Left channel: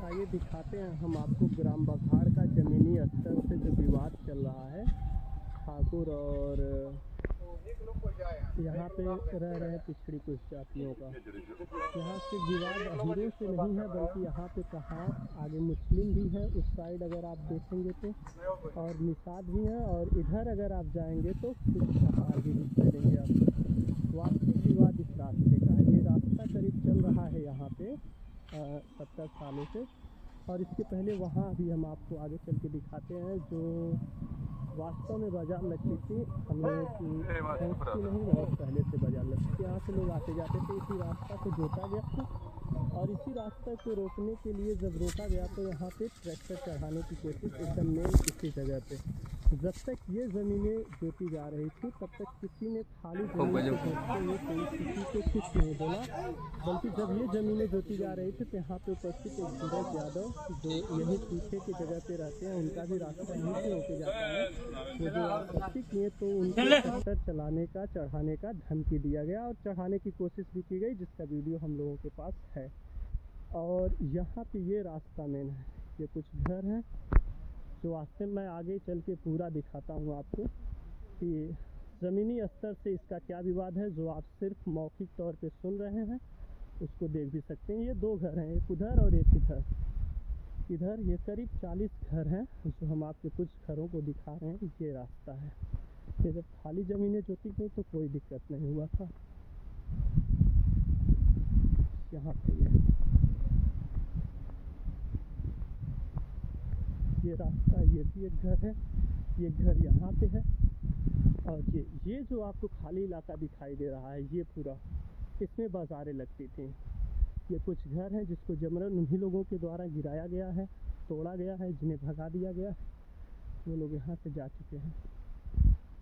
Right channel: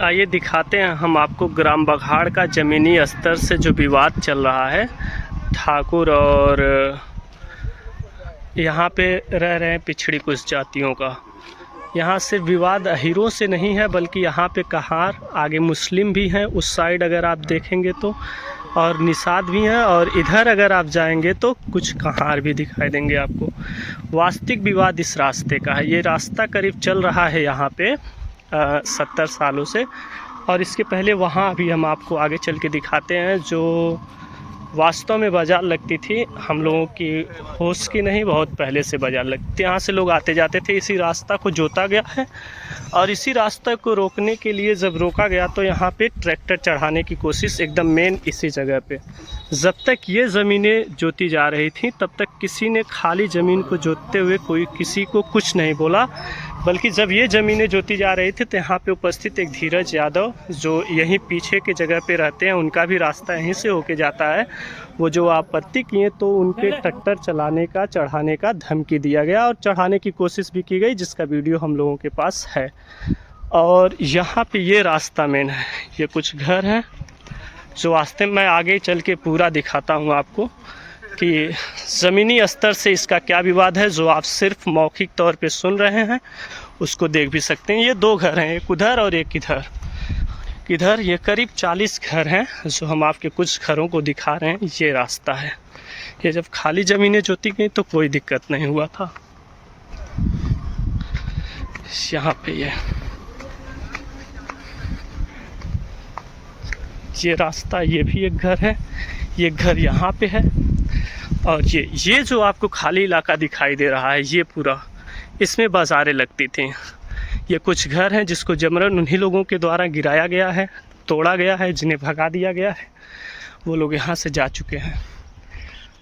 आइए दिखाते हैं हम आपको ग्राम बघाड़ का ज़मीनी स्तर से जो विवाद चल रहा है ठाकुर और यहाँ पे रह रहे हैं पिछड़ी कुछ जातियों का। यहाँ सिर्फ विवाद अहीरों से नहीं है बल्कि यहाँ पे कहार, आगे मुस्लिम भी हैं उस साइड अगर आप देखेंगे तो, और निषाद भी हैं, और इधर अगर आप जाएंगे तो कुछ कहार भी दिखाई देंगे आपको। वास्तविक विवाद इस रास्ते का है। ये रास्ता करीब चल रहा है यहाँ पे 70 सालों से, और इसके पहले वहाँ अभी हम आपको आगे चल के दिखाते हैं जो वास्तव में बाज़ार लगती थी। हम लोगों की होश की नहीं, बहुत पहले से बाज़ार लगती थी। यहाँ से लोग आते जाते थे। इसी रास्ता को जोता गया है और इसी रास्ते को रोकने के लिए जब रोका गया तो यहाँ पे ट्रैक्टर चढ़ाने की कोशिश एकदम मेन इसी जगह पे। जब तक ये ज़मीनें जोती जा रही थी तब तक किसी ने खाली ज़मीन को जोतते हुए कोई किसी को कुछ नहीं बोला, बल्कि जब ये ज़मीनें जोती जा रही थी तो यहाँ पे उपस्थित एक धीरज यादव जो यहीं पीछे के जगह पे रहते हैं, उनका भी रास्ता यहीं से होके जाता है। वो जो आपत्ति किए तो उनके ट्रैक्टर चलाने का, चढ़ाने का धमकी दिया गया और चढ़ाने की कोशिश भी की गई, जिसका वीडियो हम लोगों के पास है। और यहाँ पे ये रास्ता मेन है। ये कुछ घर हैं जो रास्ते में मैं आगे चल के पूरा दिखाता हूँ आपको कि ज़मीनी स्तर से इसका क्या विवाद है। जो आप सिर्फ मौखिक तौर पे सुन रहे हैं उसको देख भी सकते हैं। ये दो घर हैं, एक उधर और एक इधर। ये करीब 40 घर हैं जो हम आपके कुछ घरों को दिखा रहे हैं। ये रास्ता है। ये जब खाली ज़मीनें जोती गई तो कोई दिक्कत नहीं हुआ था। यहाँ पे ये रास्ता, ये भी एक घर है, ये घर यहाँ पे है, और ये जो आपको खाली इलाका दिखाई दे रहा है ये पूरा, इसमें बाज़ारें लगती थी। ये कुछ घर हैं जिसको जबरन उन्हीं लोगों के द्वारा गिराया गया है, तोड़ा गया है, जिन्हें भगा दिया गया है। वो लोग यहाँ से जा चुके हैं।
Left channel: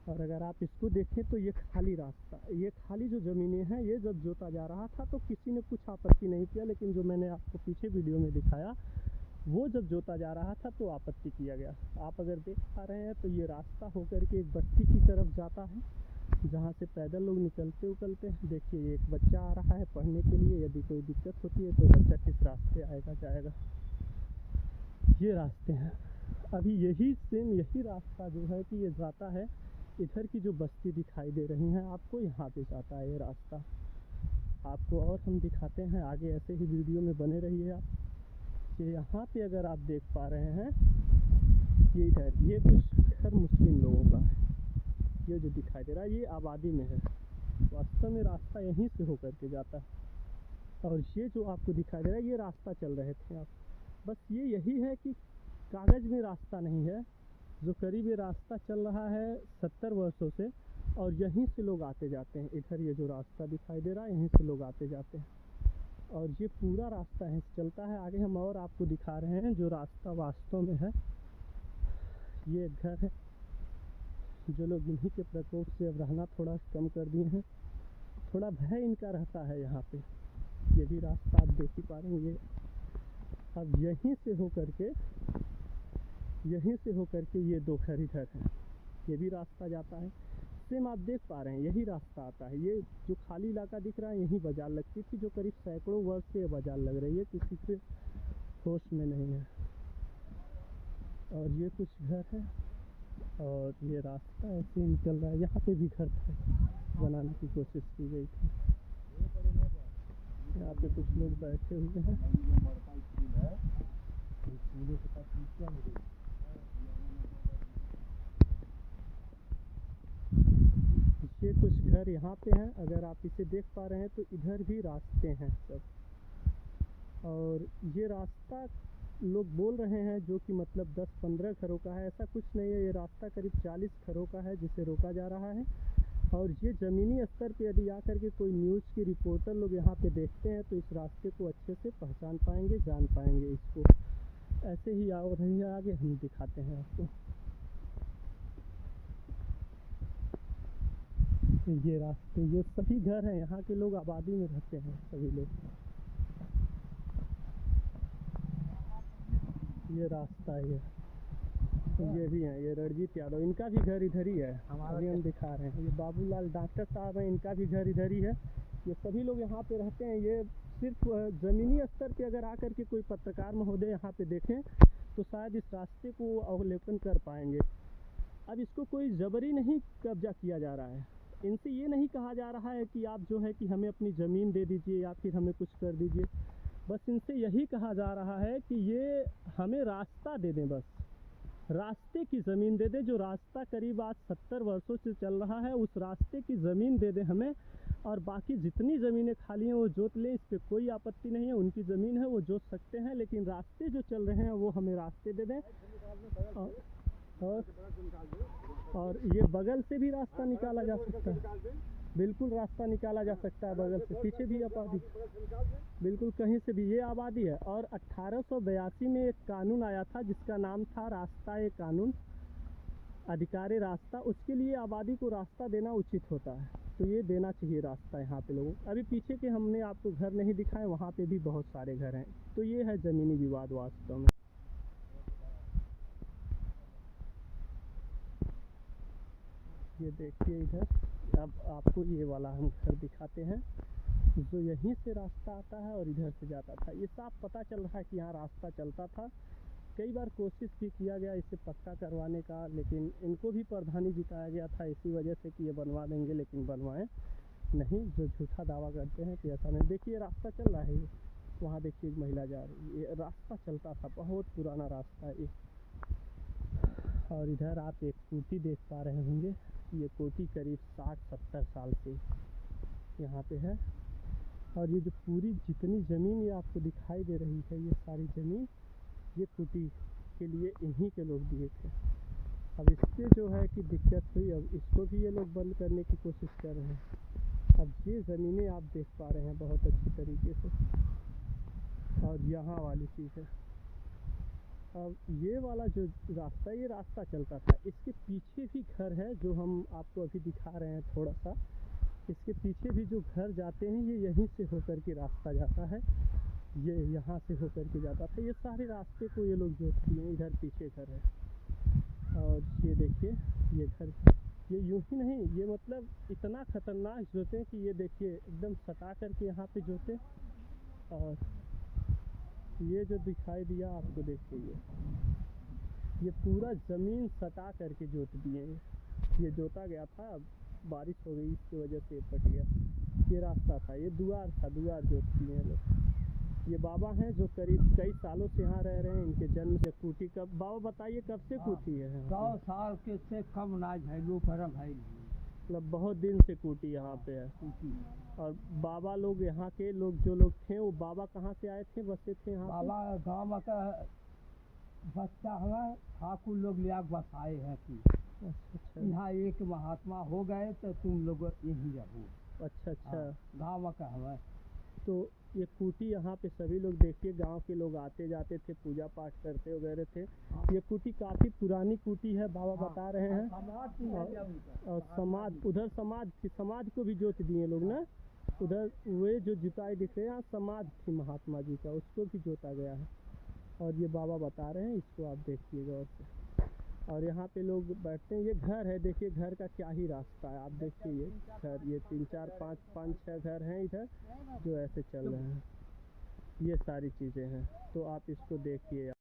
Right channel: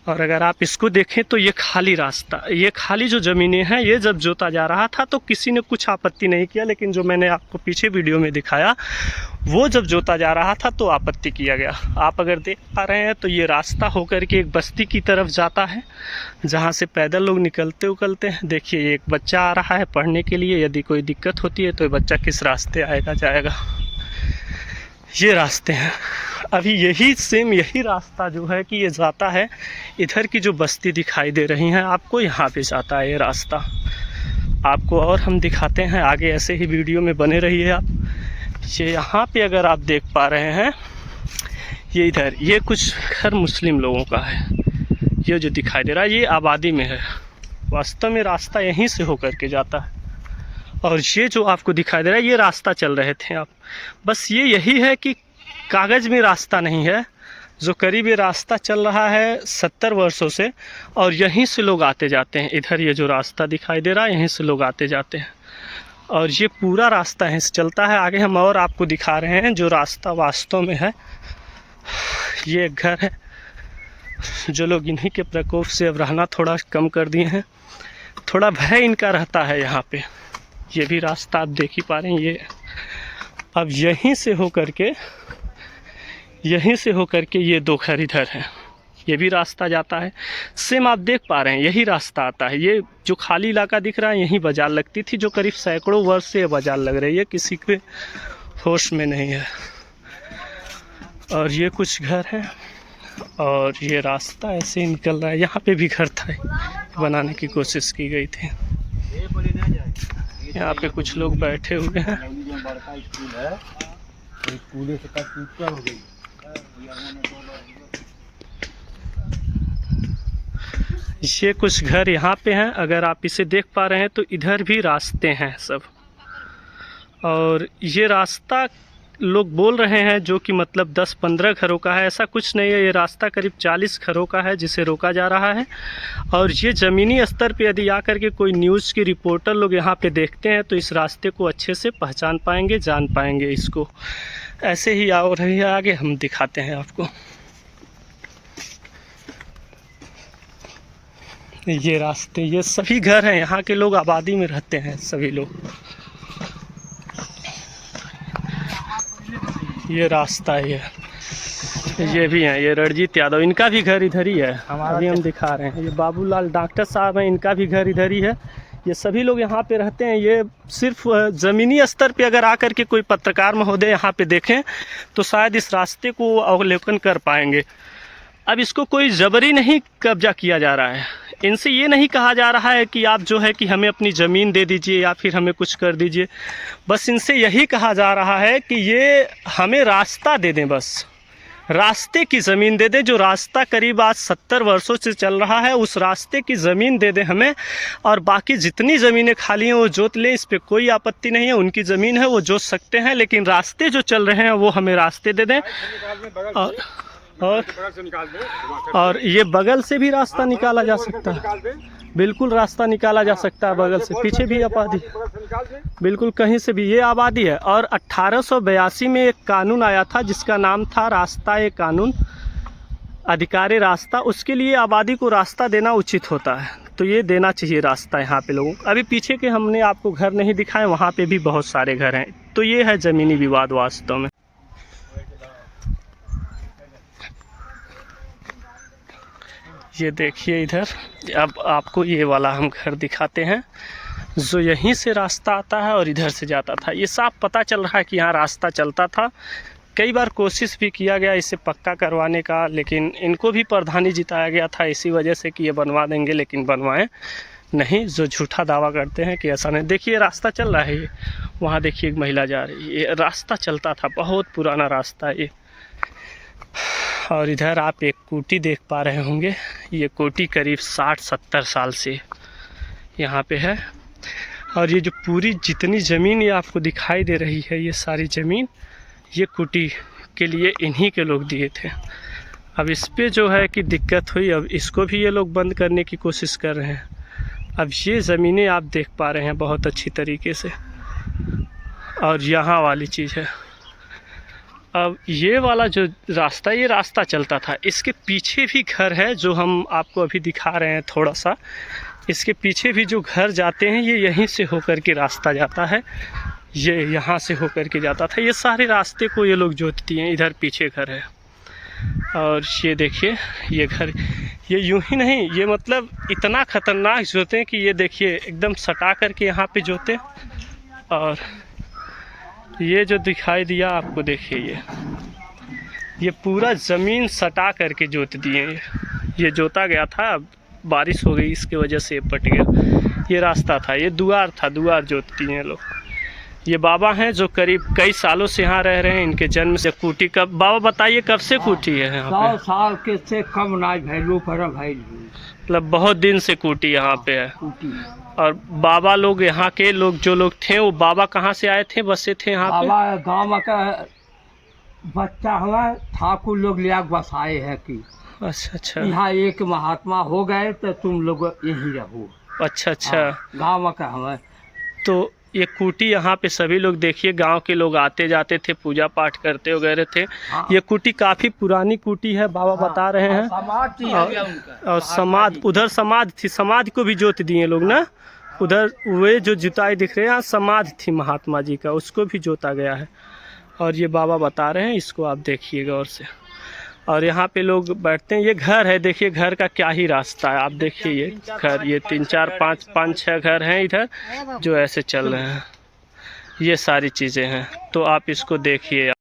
और अगर आप इसको देखें तो ये खाली रास्ता, ये खाली जो ज़मीनें हैं, ये जब जोता जा रहा था तो किसी ने कुछ आपत्ति नहीं किया, लेकिन जो मैंने आपको पीछे वीडियो में दिखाया वो जब जोता जा रहा था तो आपत्ति किया गया। आप अगर देख पा रहे हैं तो ये रास्ता होकर के एक बस्ती की तरफ जाता है जहाँ से पैदल लोग निकलते उकलते हैं। देखिए एक बच्चा आ रहा है पढ़ने के लिए, यदि कोई दिक्कत होती है तो ये बच्चा किस रास्ते आएगा जाएगा। ये रास्ते हैं। अभी यही सेम यही रास्ता जो है कि ये जाता है, इधर की जो बस्ती दिखाई दे रही हैं आपको, यहाँ पे जाता है ये रास्ता आपको। और हम दिखाते हैं आगे, ऐसे ही वीडियो में बने रहिए आप। ये यहाँ पे अगर आप देख पा रहे हैं, ये इधर ये कुछ घर मुस्लिम लोगों का है। ये जो दिखाई दे रहा है ये आबादी में है। वास्तव में रास्ता यहीं से होकर के जाता है। और ये जो आपको दिखाई दे रहा है ये रास्ता चल रहे थे आप। बस ये यही है कि कागज़ में रास्ता नहीं है, जो करीब ये रास्ता चल रहा है 70 वर्षों से, और यहीं से लोग आते जाते हैं। इधर ये जो रास्ता दिखाई दे रहा है यहीं से लोग आते जाते हैं, और ये पूरा रास्ता यहीं से चलता है। आगे हम और आपको दिखा रहे हैं जो रास्ता वास्तव में है। ये एक घर है जो लोग इन्हीं के प्रकोप से अब रहना थोड़ा कम कर दिए हैं। थोड़ा भय इनका रहता है यहाँ पे। ये भी रास्ता आप देख ही पा रहे हैं। ये अब यहीं से होकर के ये दो घर इधर हैं। ये भी रास्ता जाता है, सेम आप देख पा रहे हैं यही रास्ता आता है। ये जो खाली इलाका दिख रहा है यहीं बाज़ार लगती थी, जो करीब सैकड़ों वर्ष से ये बाज़ार लग रही है, किसी के होश में नहीं है। और ये कुछ घर हैं और ये रास्ता ऐसे निकल रहा है। यहाँ पे भी घर था, बनाने की कोशिश की गई थी। यहाँ पे कुछ लोग बैठे हुए हैं। ये कुछ घर यहाँ पे हैं, अगर आप इसे देख पा रहे हैं तो इधर भी रास्ते हैं सब। और ये रास्ता लोग बोल रहे हैं जो कि मतलब 10-15 घरों का है, ऐसा कुछ नहीं है। ये रास्ता करीब 40 घरों का है जिसे रोका जा रहा है। और ये ज़मीनी स्तर पे यदि आकर के कोई न्यूज़ की रिपोर्टर लोग यहाँ पे देखते हैं तो इस रास्ते को अच्छे से पहचान पाएंगे, जान पाएंगे इसको। ऐसे ही आ रही है आगे, हम दिखाते हैं आपको। ये रास्ते, ये सभी घर हैं, यहाँ के लोग आबादी में रहते हैं सभी लोग। ये रास्ता ये भी हैं, ये रणजीत यादव, इनका भी घर इधर ही है। अभी हम दिखा रहे हैं। ये बाबूलाल डॉक्टर साहब हैं, इनका भी घर इधर ही है। ये सभी लोग यहाँ पे रहते हैं। ये सिर्फ ज़मीनी स्तर पे अगर आकर के कोई पत्रकार महोदय यहाँ पे देखें तो शायद इस रास्ते को अवलोकन कर पाएंगे। अब इसको कोई ज़बरी नहीं कब्जा किया जा रहा है, इनसे ये नहीं कहा जा रहा है कि आप जो है कि हमें अपनी ज़मीन दे दीजिए या फिर हमें कुछ कर दीजिए। बस इनसे यही कहा जा रहा है कि ये हमें रास्ता दे दें, बस रास्ते की ज़मीन दे दें। जो रास्ता करीब आज 70 वर्षों से चल रहा है, उस रास्ते की ज़मीन दे दें हमें, और बाकी जितनी ज़मीनें खाली हैं वो जोत लें। इस पर कोई आपत्ति नहीं है, उनकी ज़मीन है, वो जोत सकते हैं, लेकिन रास्ते जो चल रहे हैं वो हमें रास्ते दे दें। और ये बगल से भी रास्ता निकाला जा सकता है, बिल्कुल रास्ता निकाला जा सकता है बगल से। पीछे भी आबादी, बिल्कुल कहीं से भी ये आबादी है। और 1882 में एक कानून आया था जिसका नाम था रास्ता ए कानून, अधिकार रास्ता। उसके लिए आबादी को रास्ता देना उचित होता है, तो ये देना चाहिए रास्ता यहाँ पे लोगों को। अभी पीछे के हमने आपको घर नहीं दिखाए, वहाँ पे भी बहुत सारे घर हैं। तो ये है ज़मीनी विवाद वास्तव में। ये देखिए इधर, अब आपको ये वाला हम घर दिखाते हैं जो यहीं से रास्ता आता है और इधर से जाता था। ये साफ पता चल रहा है कि यहाँ रास्ता चलता था। कई बार कोशिश भी किया गया इसे पक्का करवाने का, लेकिन इनको भी प्रधानी जिताया गया था इसी वजह से कि ये बनवा देंगे, लेकिन बनवाएं नहीं, जो झूठा दावा करते हैं कि ऐसा नहीं। देखिए रास्ता चल रहा है, ये वहाँ देखिए एक महिला जा रही है। ये रास्ता चलता था, बहुत पुराना रास्ता है ये। और इधर आप एक कोठी देख पा रहे होंगे, ये कोठी करीब 60-70 साल से यहाँ पे है। और ये जो पूरी जितनी ज़मीन ये आपको दिखाई दे रही है, ये सारी ज़मीन ये कोठी के लिए इन्हीं के लोग दिए थे। अब इस पे जो है कि दिक्कत हुई, अब इसको भी ये लोग बंद करने की कोशिश कर रहे हैं। अब ये ज़मीनें आप देख पा रहे हैं बहुत अच्छी तरीके से, और यहाँ वाली चीज़ है। अब ये वाला जो रास्ता, ये रास्ता चलता था, इसके पीछे भी घर है जो हम आपको अभी दिखा रहे हैं थोड़ा सा। इसके पीछे भी जो घर जाते हैं ये यहीं से होकर के रास्ता जाता है, ये यहाँ से होकर के जाता था। ये सारे रास्ते को ये लोग जोतती हैं। इधर पीछे घर है, और ये देखिए ये घर, ये यूं ही नहीं, ये मतलब इतना ख़तरनाक जोते हैं कि ये देखिए एकदम सटा करके यहाँ पे जोते। और ये जो दिखाई दिया आपको, देखिए ये पूरा ज़मीन सटा करके जोत दिए। ये जोता गया था, अब बारिश हो गई इसके वजह से पट गया। ये रास्ता था, ये दुआर था, दुआर जोतती हैं लोग। ये बाबा हैं जो करीब कई सालों से यहाँ रह रहे हैं। इनके जन्म से कोठी कब, बाबा बताइए कब से कोठी है यहाँ पे? 100 साल के से कम ना भैलू पर भैलू, मतलब बहुत दिन से कोठी यहाँ पे है। और बाबा लोग, यहाँ के लोग जो लोग थे, वो बाबा कहाँ से आए थे, बसे थे यहाँ पे? बाबा गाँव का बच्चा हुआ, ठाकुर लोग लिया बसाए है कि अच्छा अच्छा, यहाँ एक महात्मा हो गए तो तुम लोग यहीं रहो। अच्छा अच्छा, गाँव का हमें तो ये कुटी यहाँ पे सभी लोग देखिए, गांव के लोग आते जाते थे, पूजा पाठ करते वगैरह थे। ये कुटी काफ़ी पुरानी कुटी है, बाबा बता रहे हैं। और समाधि, उधर समाधि थी, समाधि को भी जोत दिए लोग ना। उधर वे जो जुताई दिख रहे हैं, समाधि थी महात्मा जी का, उसको भी जोता गया है। और ये बाबा बता रहे हैं, इसको आप देखिए गौर से। और यहाँ पे लोग बैठते हैं। ये घर है, देखिए घर का क्या ही रास्ता है। आप देखिए ये घर, ये 3-4-5-6 घर हैं इधर जो ऐसे चल रहे हैं। ये सारी चीज़ें हैं, तो आप इसको देखिए।